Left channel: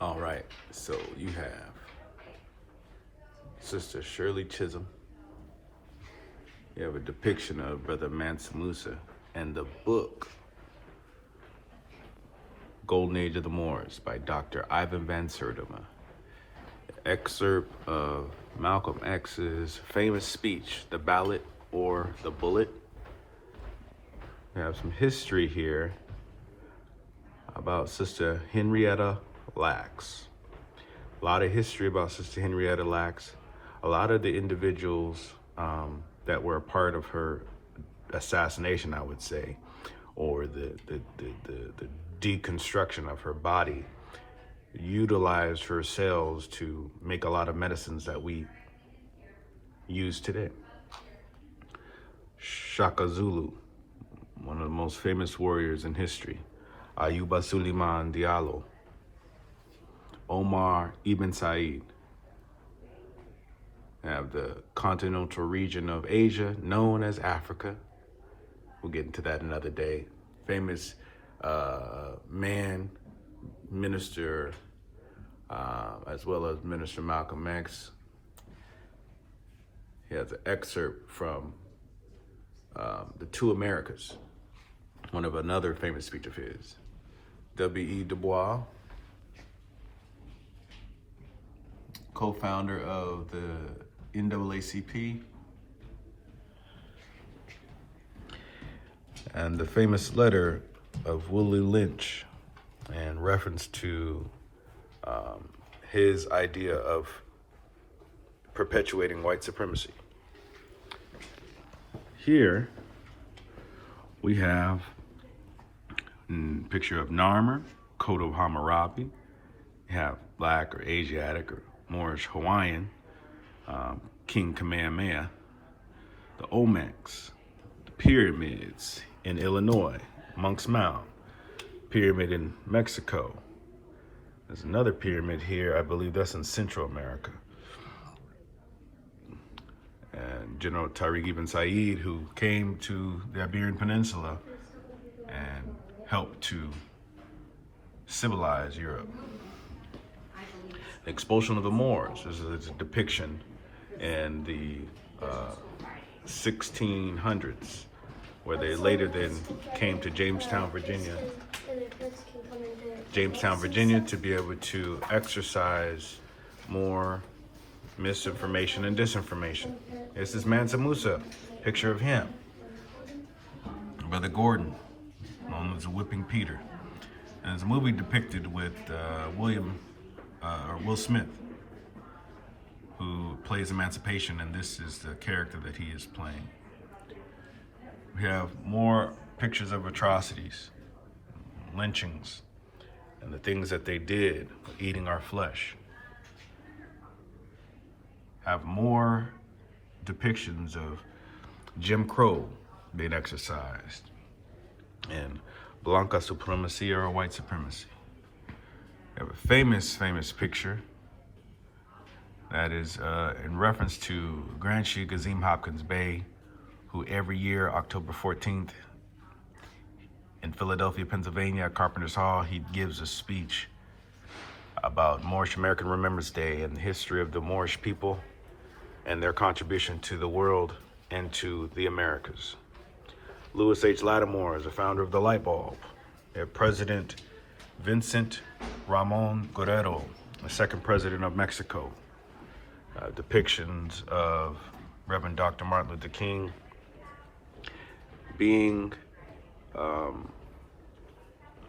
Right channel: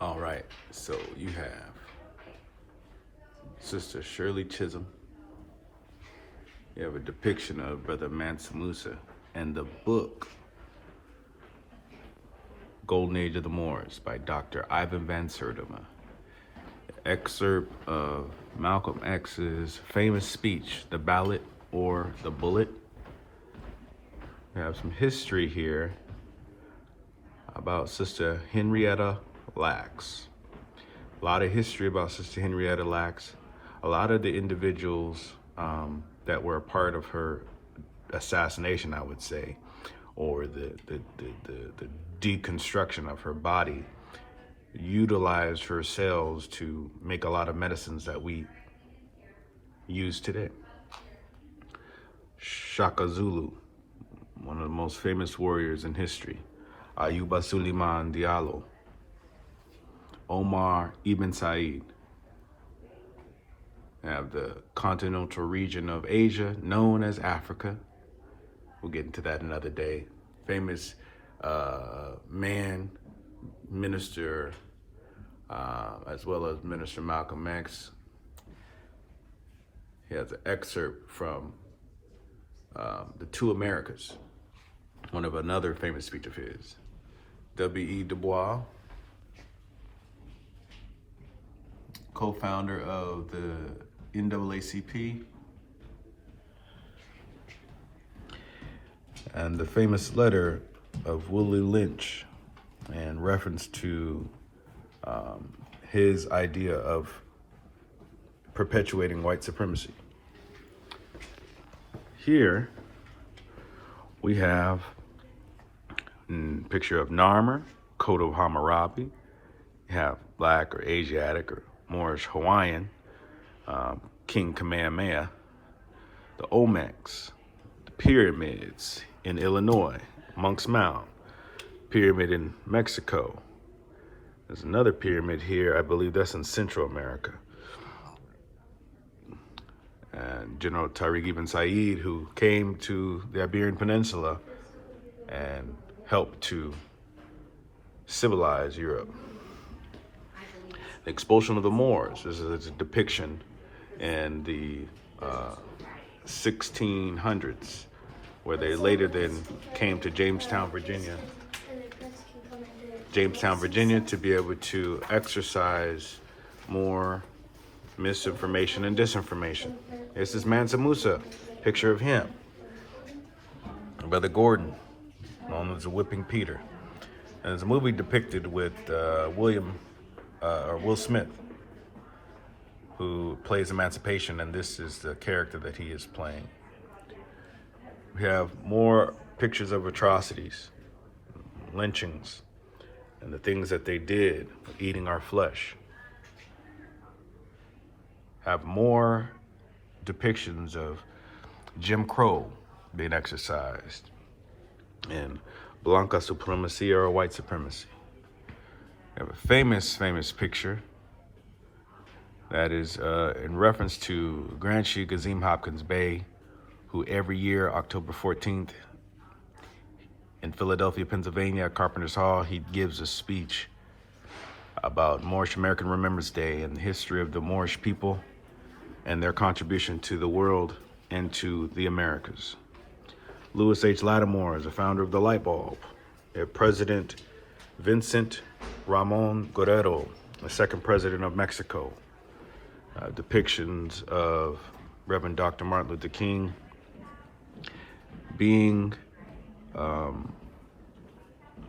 All right, so you have Sister Shirley Chisholm. You have a depiction of Brother Mansa Musa, and the book Golden Age of the Moors by Dr. Ivan van Sertima. Excerpt of Malcolm X's famous speech, The Ballot or the Bullet. We have some history here about Sister Henrietta Lacks. A lot of history about Sister Henrietta Lacks. A lot of the individuals that were a part of her assassination, I would say, or the deconstruction of her body, utilized her cells to make a lot of medicines that we use today. Shaka Zulu, one of the most famous warriors in history. Ayuba Suleiman Diallo. Omar Ibn Said. We have the continental region of Asia, known as Africa. We'll get into that another day. Famous man, minister, as well as Minister Malcolm X. He has an excerpt from The Two Americas, one of another famous speech of his. W.E. Du Bois, co-founder of the NAACP, and the famous letter of Willie Lynch in reference to his idea of perpetuating white supremacy. Here we have a picture of Narmer, coat of Hammurabi. You have Black or Asiatic or Moorish Hawaiian, King Kamehameha, the Olmecs, the pyramids in Illinois, Monk's Mound, pyramid in Mexico. There's another pyramid here, I believe that's in Central America. And General Tariq Ibn Said, who came to the Iberian Peninsula and helped to civilize Europe. The expulsion of the Moors. This is a depiction in the 1600s, where they later then came to Jamestown, Virginia, to be able to exercise more misinformation and disinformation. This is Mansa Musa, picture of him. Brother Gordon, known as Whipping Peter. And there's a movie depicted with Will Smith, who plays Emancipation, and this is the character that he is playing. We have more pictures of atrocities, lynchings, and the things that they did, eating our flesh. Have more depictions of Jim Crow being exercised, and Blanca supremacy or white supremacy. We have a famous picture that is in reference to Grand Chief Gazim Hopkins Bey, who every year, October 14th, in Philadelphia, Pennsylvania, at Carpenter's Hall, he gives a speech about Moorish American Remembrance Day and the history of the Moorish people and their contribution to the world and to the Americas. Louis H. Lattimore is the founder of the light bulb. We have President Vincent Ramon Guerrero, the second president of Mexico. Depictions of Reverend Dr. Martin Luther King being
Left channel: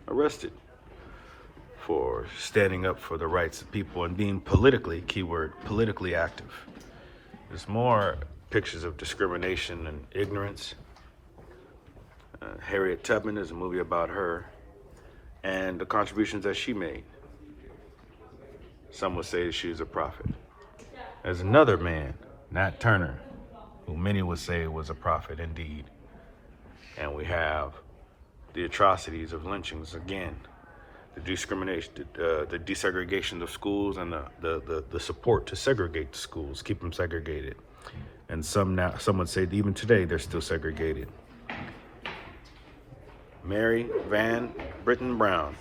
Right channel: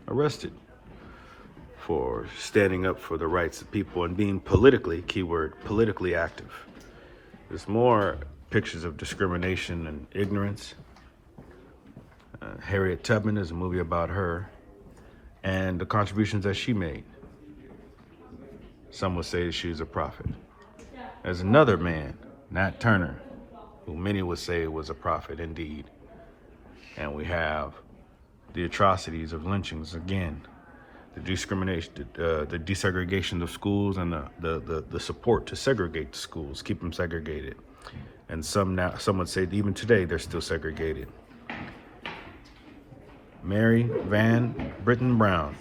arrested for standing up for the rights of people and being politically, keyword, politically active. There's more pictures of discrimination and ignorance. Harriet Tubman is a movie about her and the contributions that she made. Some would say she was a prophet. There's another man, Nat Turner, who many would say was a prophet indeed. And we have the atrocities of lynchings again, the discrimination, the desegregation of schools, and the support to segregate the schools, keep them segregated. And some would say that even today they're still segregated. Mary Van Britton Brown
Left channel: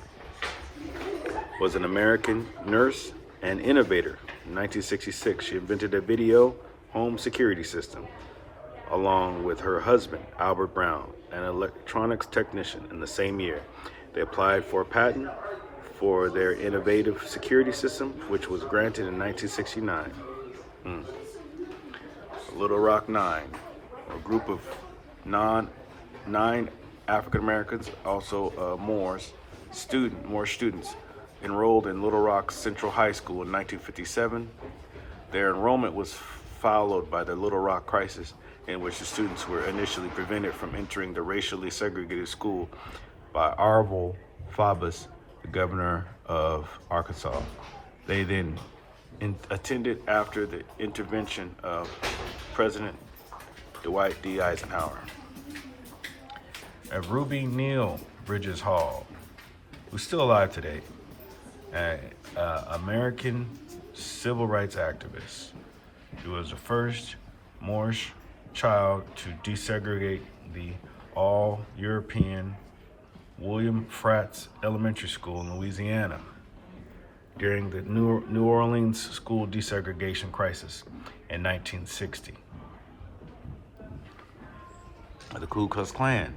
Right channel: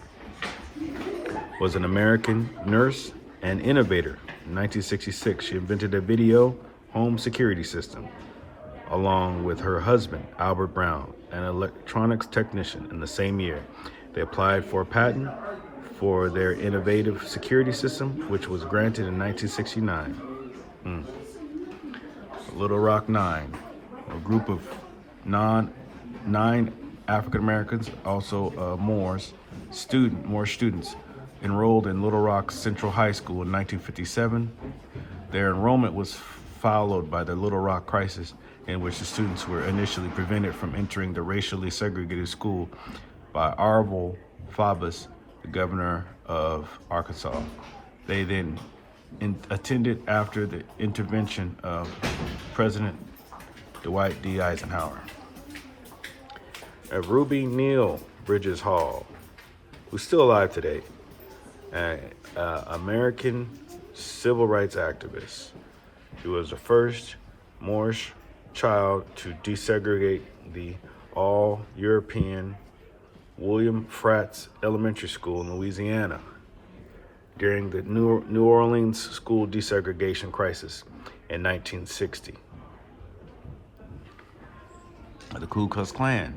was an American nurse and innovator. In 1966, she invented a video home security system, along with her husband, Albert Brown, an electronics technician. In the same year, they applied for a patent for their innovative security system, which was granted in 1969. Little Rock Nine, a group of nine African Americans, also Moorish students, enrolled in Little Rock Central High School in 1957. Their enrollment was followed by the Little Rock crisis, in which the students were initially prevented from entering the racially segregated school by Arvel Faubus, the governor of Arkansas. They then attended after the intervention of President Dwight D. Eisenhower. Ruby Neal Bridges Hall, who's still alive today, an American civil rights activist. He was the first Moorish child to desegregate the all-European William Fratz Elementary School in Louisiana during the New Orleans school desegregation crisis in 1960. The Ku Klux Klan,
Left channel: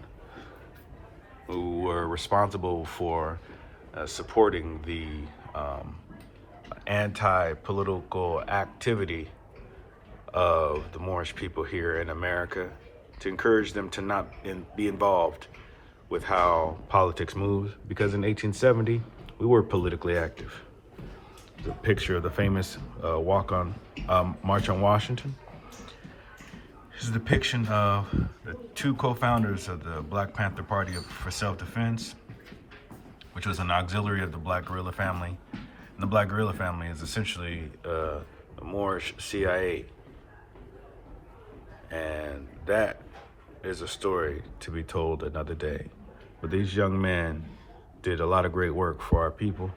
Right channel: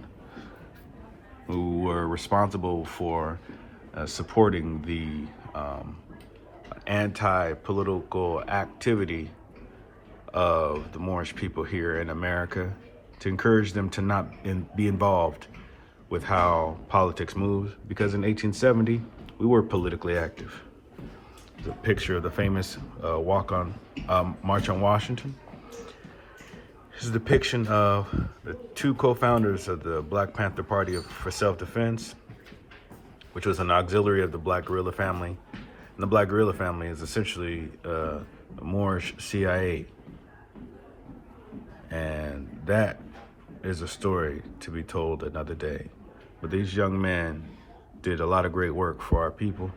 who were responsible for supporting the anti-political activity of the Moorish people here in America, to encourage them to not be involved with how politics moves, because in 1870 we were politically active. There's a picture of the famous March on Washington. This is a depiction of the two co-founders of the Black Panther Party for Self-Defense, which was an auxiliary of the Black Guerrilla Family. And the Black Guerrilla Family is essentially a Moorish CIA. And that is a story to be told another day. But these young men did a lot of great work for our people.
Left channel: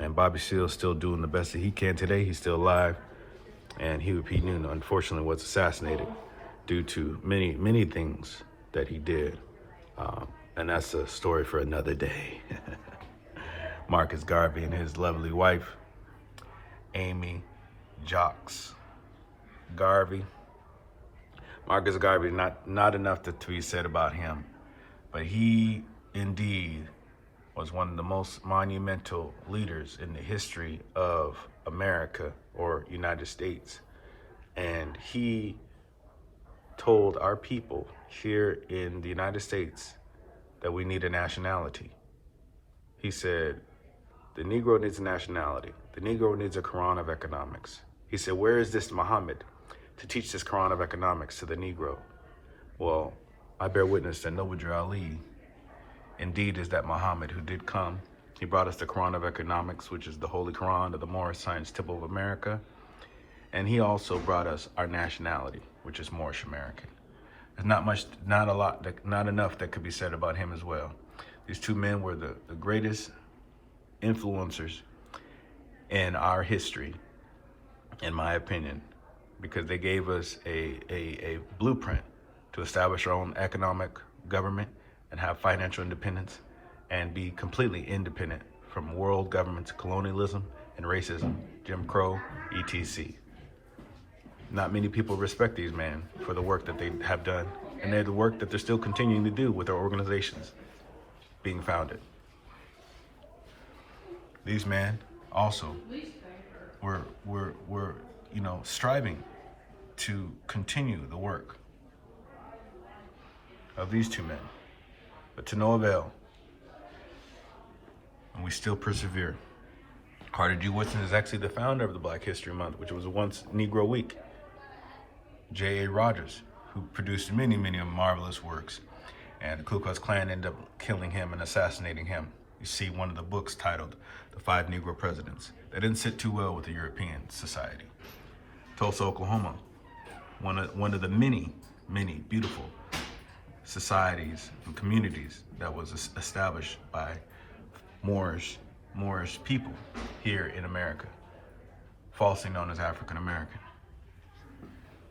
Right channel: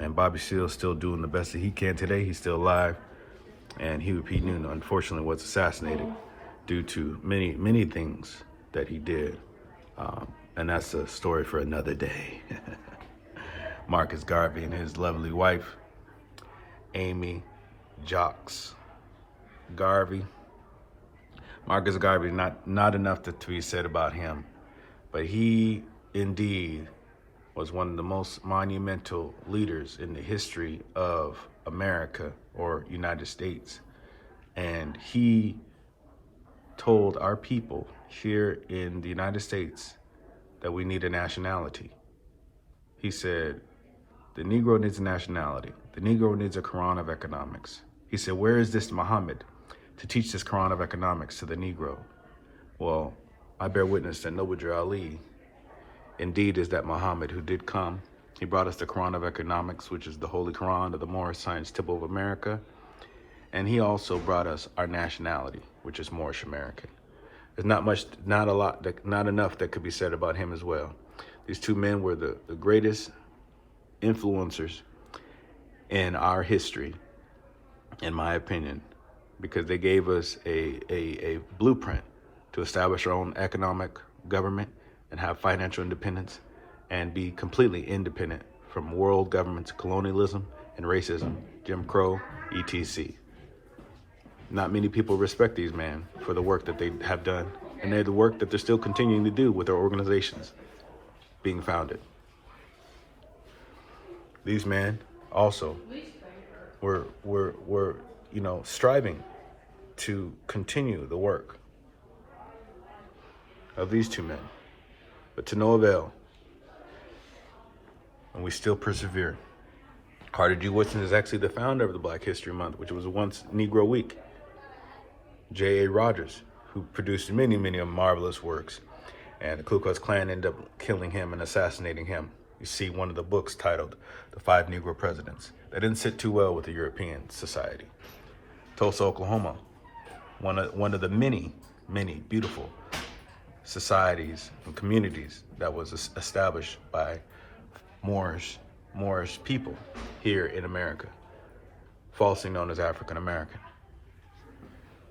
And Bobby Seale's still doing the best that he can today. He's still alive. And Huey P. Newton, unfortunately, was assassinated due to many things that he did. And that's a story for another day. Marcus Garvey and his lovely wife, Amy Jocks Garvey. Marcus Garvey, not enough to be said about him, but he indeed was one of the most monumental leaders in the history of America or United States. And he told our people here in the United States that we need a nationality. He said, the Negro needs a nationality. The Negro needs a Quran of economics. He said, where is this Muhammad to teach this Quran of economics to the Negro? Well, I bear witness that Noble Ali indeed is that Muhammad who did come. He brought us the Quran of economics, which is the Holy Quran of the Moorish Science Temple of America. And he also brought us our nationality, which is Moorish American. There's not enough that could be said about him as well. These two men were the greatest influencers in our history, in my opinion, because they gave us a blueprint to establish our own economic government and have financial independence and be completely independent from world governments, colonialism and racism, Jim Crow, etc. Not many people respect these men for the work that they have done, and they're the work that they're still continuing to do with their organizations being founded. These men also were striving to continue the work of these two men, but to no avail. And we still persevere. Carter G. Woodson is actually the founder of the Black History Month, which was once Negro Week. J.A. Rogers, who produced many marvelous works, and the Ku Klux Klan ended up killing him and assassinating him. You see one of the books titled The 5 Negro Presidents. That didn't sit too well with the European society. Tulsa, Oklahoma, one of the many beautiful societies and communities that was established by Moorish people here in America, falsely known as African American.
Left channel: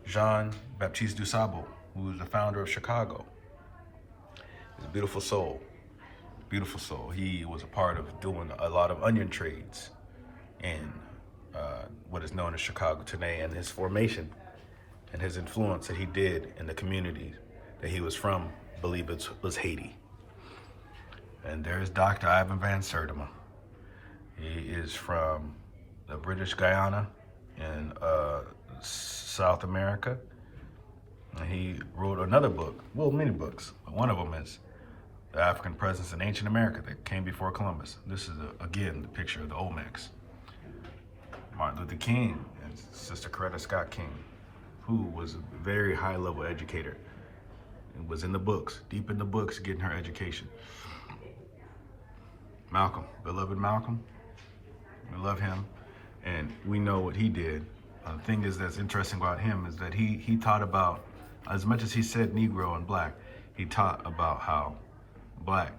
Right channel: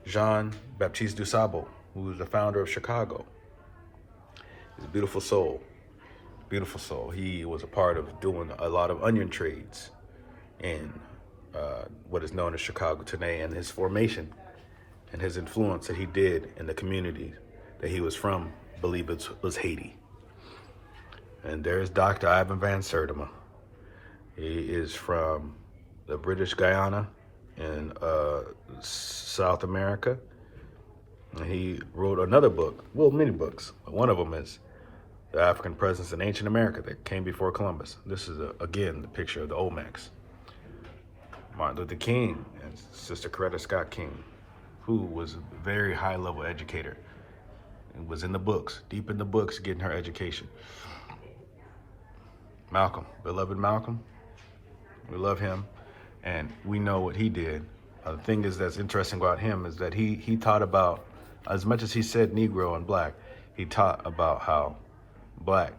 Jean-Baptiste Dusable, who was the founder of Chicago, is a beautiful soul. Beautiful soul. He was a part of doing a lot of onion trades in what is known as Chicago today, and his formation and his influence that he did in the community that he was from, I believe it was Haiti. And there's Dr. Ivan Van Sertima. He is from the British Guyana in South America. And he wrote another book, well, many books. One of them is The African Presence in Ancient America that came before Columbus. This is, again, the picture of the Olmecs. Martin Luther King and Sister Coretta Scott King, who was a very high-level educator and was in the books, deep in the books, getting her education. Malcolm, beloved Malcolm, we love him, and we know what he did. The thing is that's interesting about him is that he taught about, as much as he said Negro and Black, he taught about how Black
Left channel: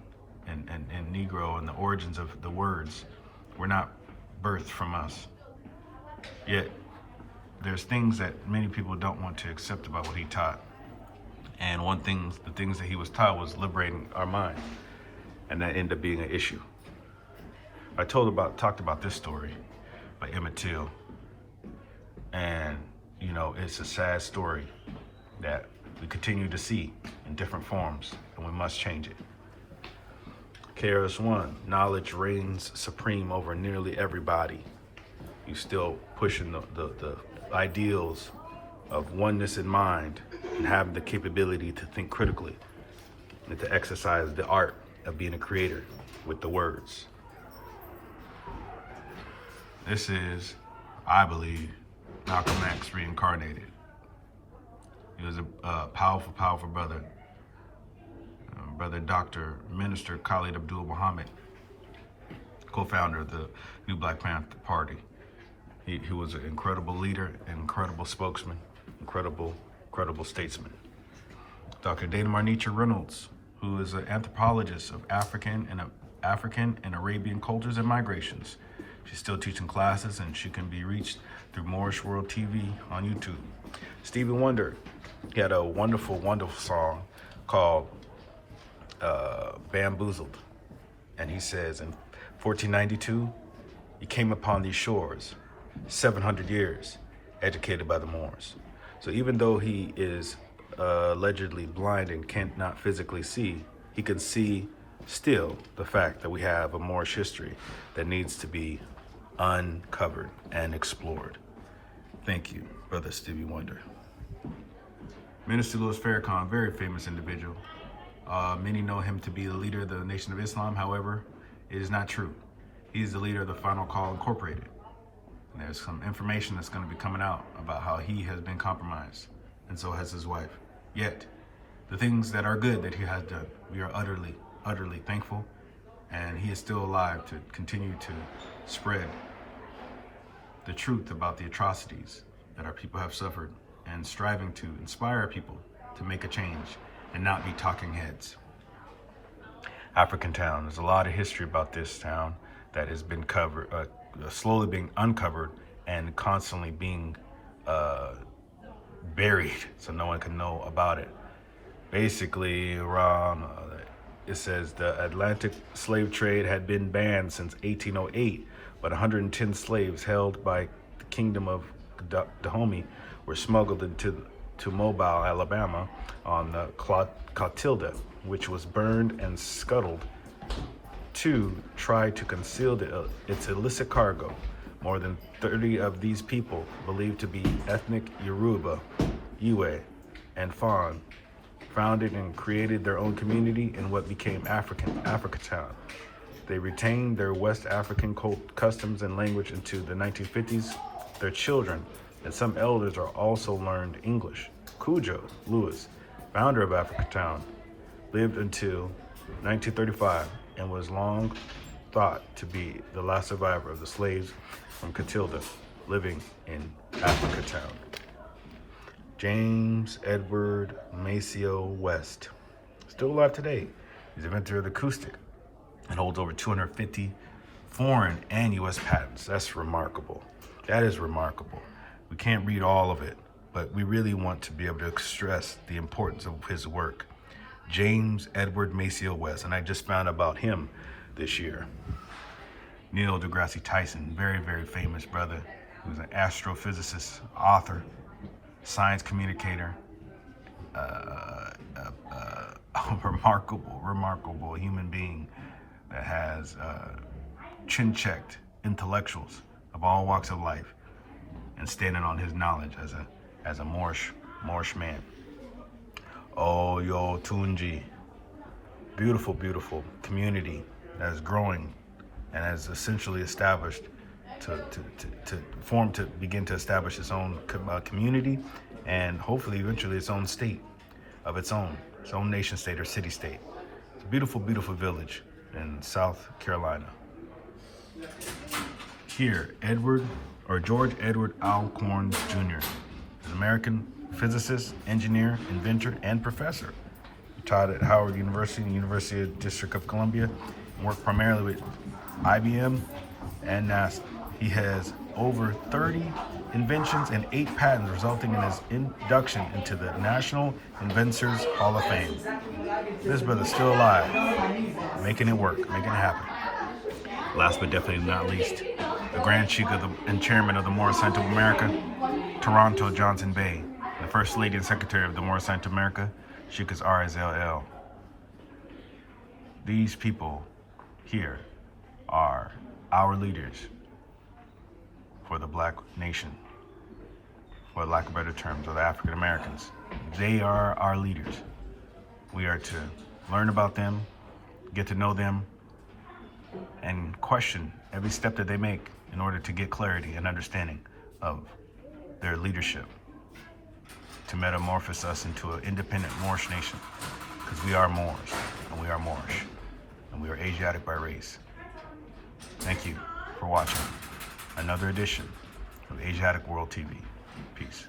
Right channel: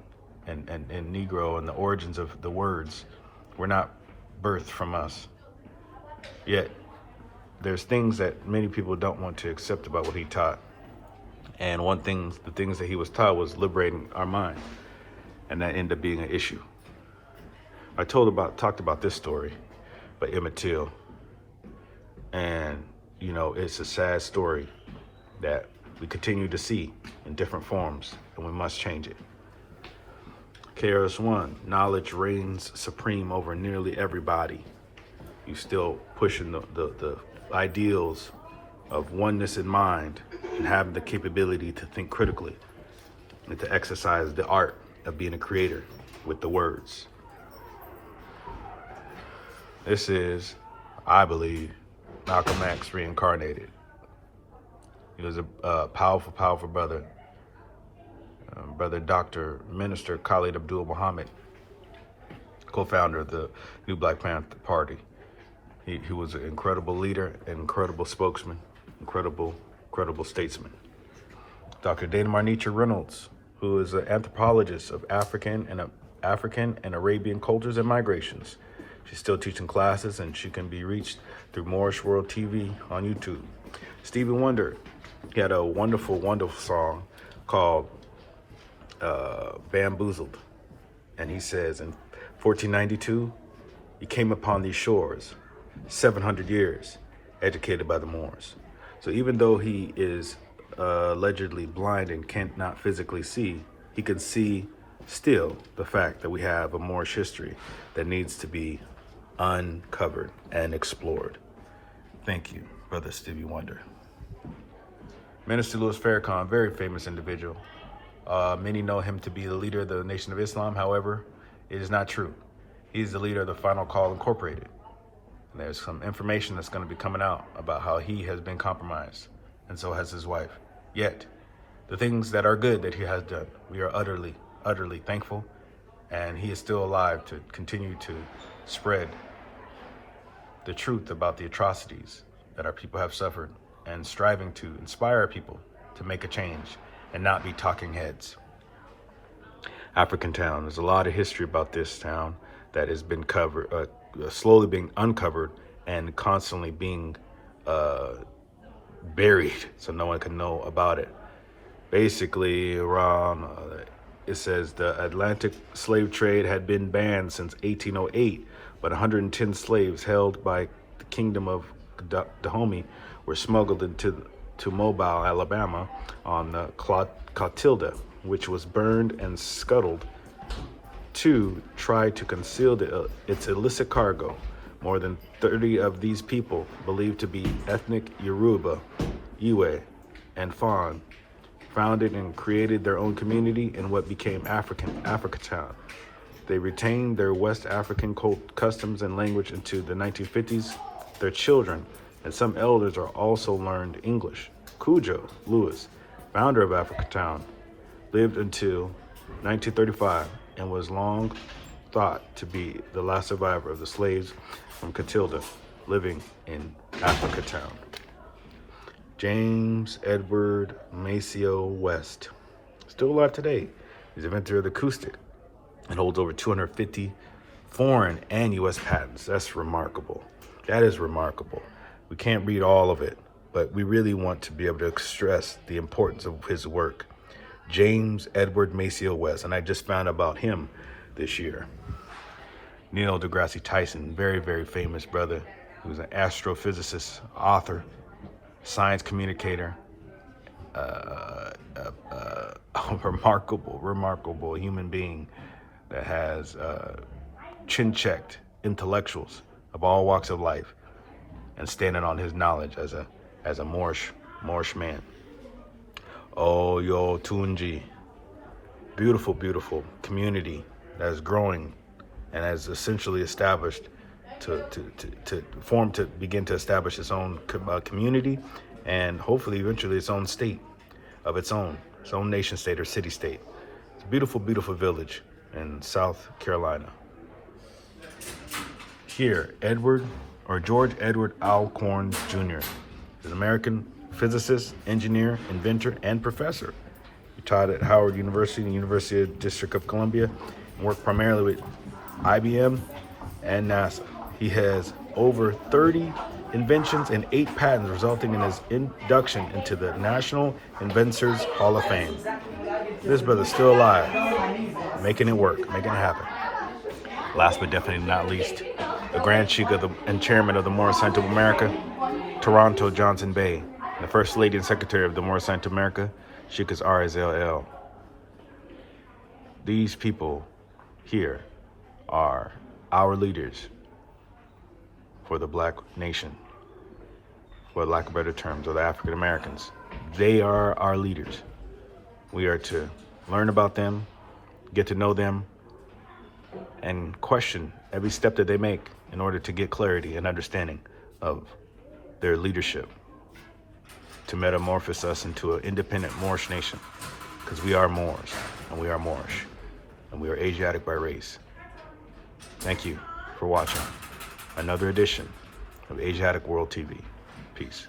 and Negro and the origins of the words were not birthed from us. Yet, there's things that many people don't want to accept about what he taught. And the things that he was taught was liberating our mind. And that ended up being an issue. I talked about this story by Emmett Till. And, you know, it's a sad story that we continue to see in different forms, and we must change it. KRS-One, knowledge reigns supreme over nearly everybody. You still pushing the ideals of oneness in mind and having the capability to think critically and to exercise the art of being a creator with the words. This is, I believe, Malcolm X reincarnated. He was a powerful, powerful brother. Brother Dr. Minister Khalid Abdul Muhammad, co-founder of the New Black Panther Party. He was an incredible leader, an incredible spokesman, incredible statesman. Dr. Dana Marnicha Reynolds, who is an anthropologist of African and Arabian cultures and migrations. She's still teaching classes, and she can be reached through Moorish World TV on YouTube. Stevie Wonder, he had a wonderful, wonderful song called Bamboozled. And he says in 1492, he came upon these shores, 700 years, educated by the Moors. So even though he is allegedly blind and cannot physically see, he can see still the fact that we have a Moorish history that needs to be uncovered and explored. Thank you, Brother Stevie Wonder. Minister Louis Farrakhan, very famous individual. Many know him to be the leader of the Nation of Islam. However, it is not true. He's the leader of the Final Call Incorporated. And there's some information that's going to be coming out about how he has been compromised, and so has his wife. Yet, the things that are good that he has done, we are utterly, utterly thankful, and he is still alive to continue to spread the truth about the atrocities that our people have suffered, and striving to inspire people to make a change and not be talking heads. African Town, there's a lot of history about this town that has been slowly being uncovered and constantly being buried so no one can know about it. Basically, around, it says the Atlantic slave trade had been banned since 1808, but 110 slaves held by the Kingdom of Dahomey were smuggled into Mobile, Alabama on the Clotilda, which was burned and scuttled to try to conceal its illicit cargo. More than 30 of these people, believed to be ethnic Yoruba, Iwe, and Fon, founded and created their own community in what became Africatown. They retained their West African customs and language into the 1950s. Their children and some elders are also learned English. Cujo Lewis, founder of Africatown, lived until 1935 and was long thought to be the last survivor of the slaves from Clotilda living in Africatown. James Edward Maceo West, still alive today. He's inventor of the acoustic and holds over 250 foreign and U.S. patents. That's remarkable. That is remarkable. We can't read all of it, but we really want to be able to stress the importance of his work. James Edward Maciel West, and I just found out about him this year. Neil deGrasse Tyson, very, very famous brother. He was an astrophysicist, author, science communicator, a remarkable human being that has chin-checked intellectuals of all walks of life and standing on his knowledge as a Moorish man. Oh, yo, Tunji. Beautiful, beautiful community that is growing and has essentially established to begin to establish its own community and hopefully eventually its own state of its own nation state or city state. It's a beautiful, beautiful village in South Carolina. Here, George Edward Alcorn Jr. is an American physicist, engineer, inventor, and professor. He taught at Howard University, the University of District of Columbia, and worked primarily with IBM and NASA. He has over 30 inventions and 8 patents, resulting in his induction into the National Inventors Hall of Fame. This brother's still alive, making it work, making it happen. Last but definitely not least, the Grand Sheik and Chairman of the Moorish Center of America, Toronto Johnson Bay, the First Lady and Secretary of the Moorish Center of America, Sheikh RSLL. These people here are our leaders for the black nation, for lack of better terms, or the African Americans. They are our leaders. We are to learn about them, get to know them, and question every step that they make in order to get clarity and understanding of their leadership, to metamorphose us into an independent Moorish nation, because we are Moors, and we are Moorish, and we are Asiatic by race. Thank you for watching another edition of Asiatic World TV. Peace.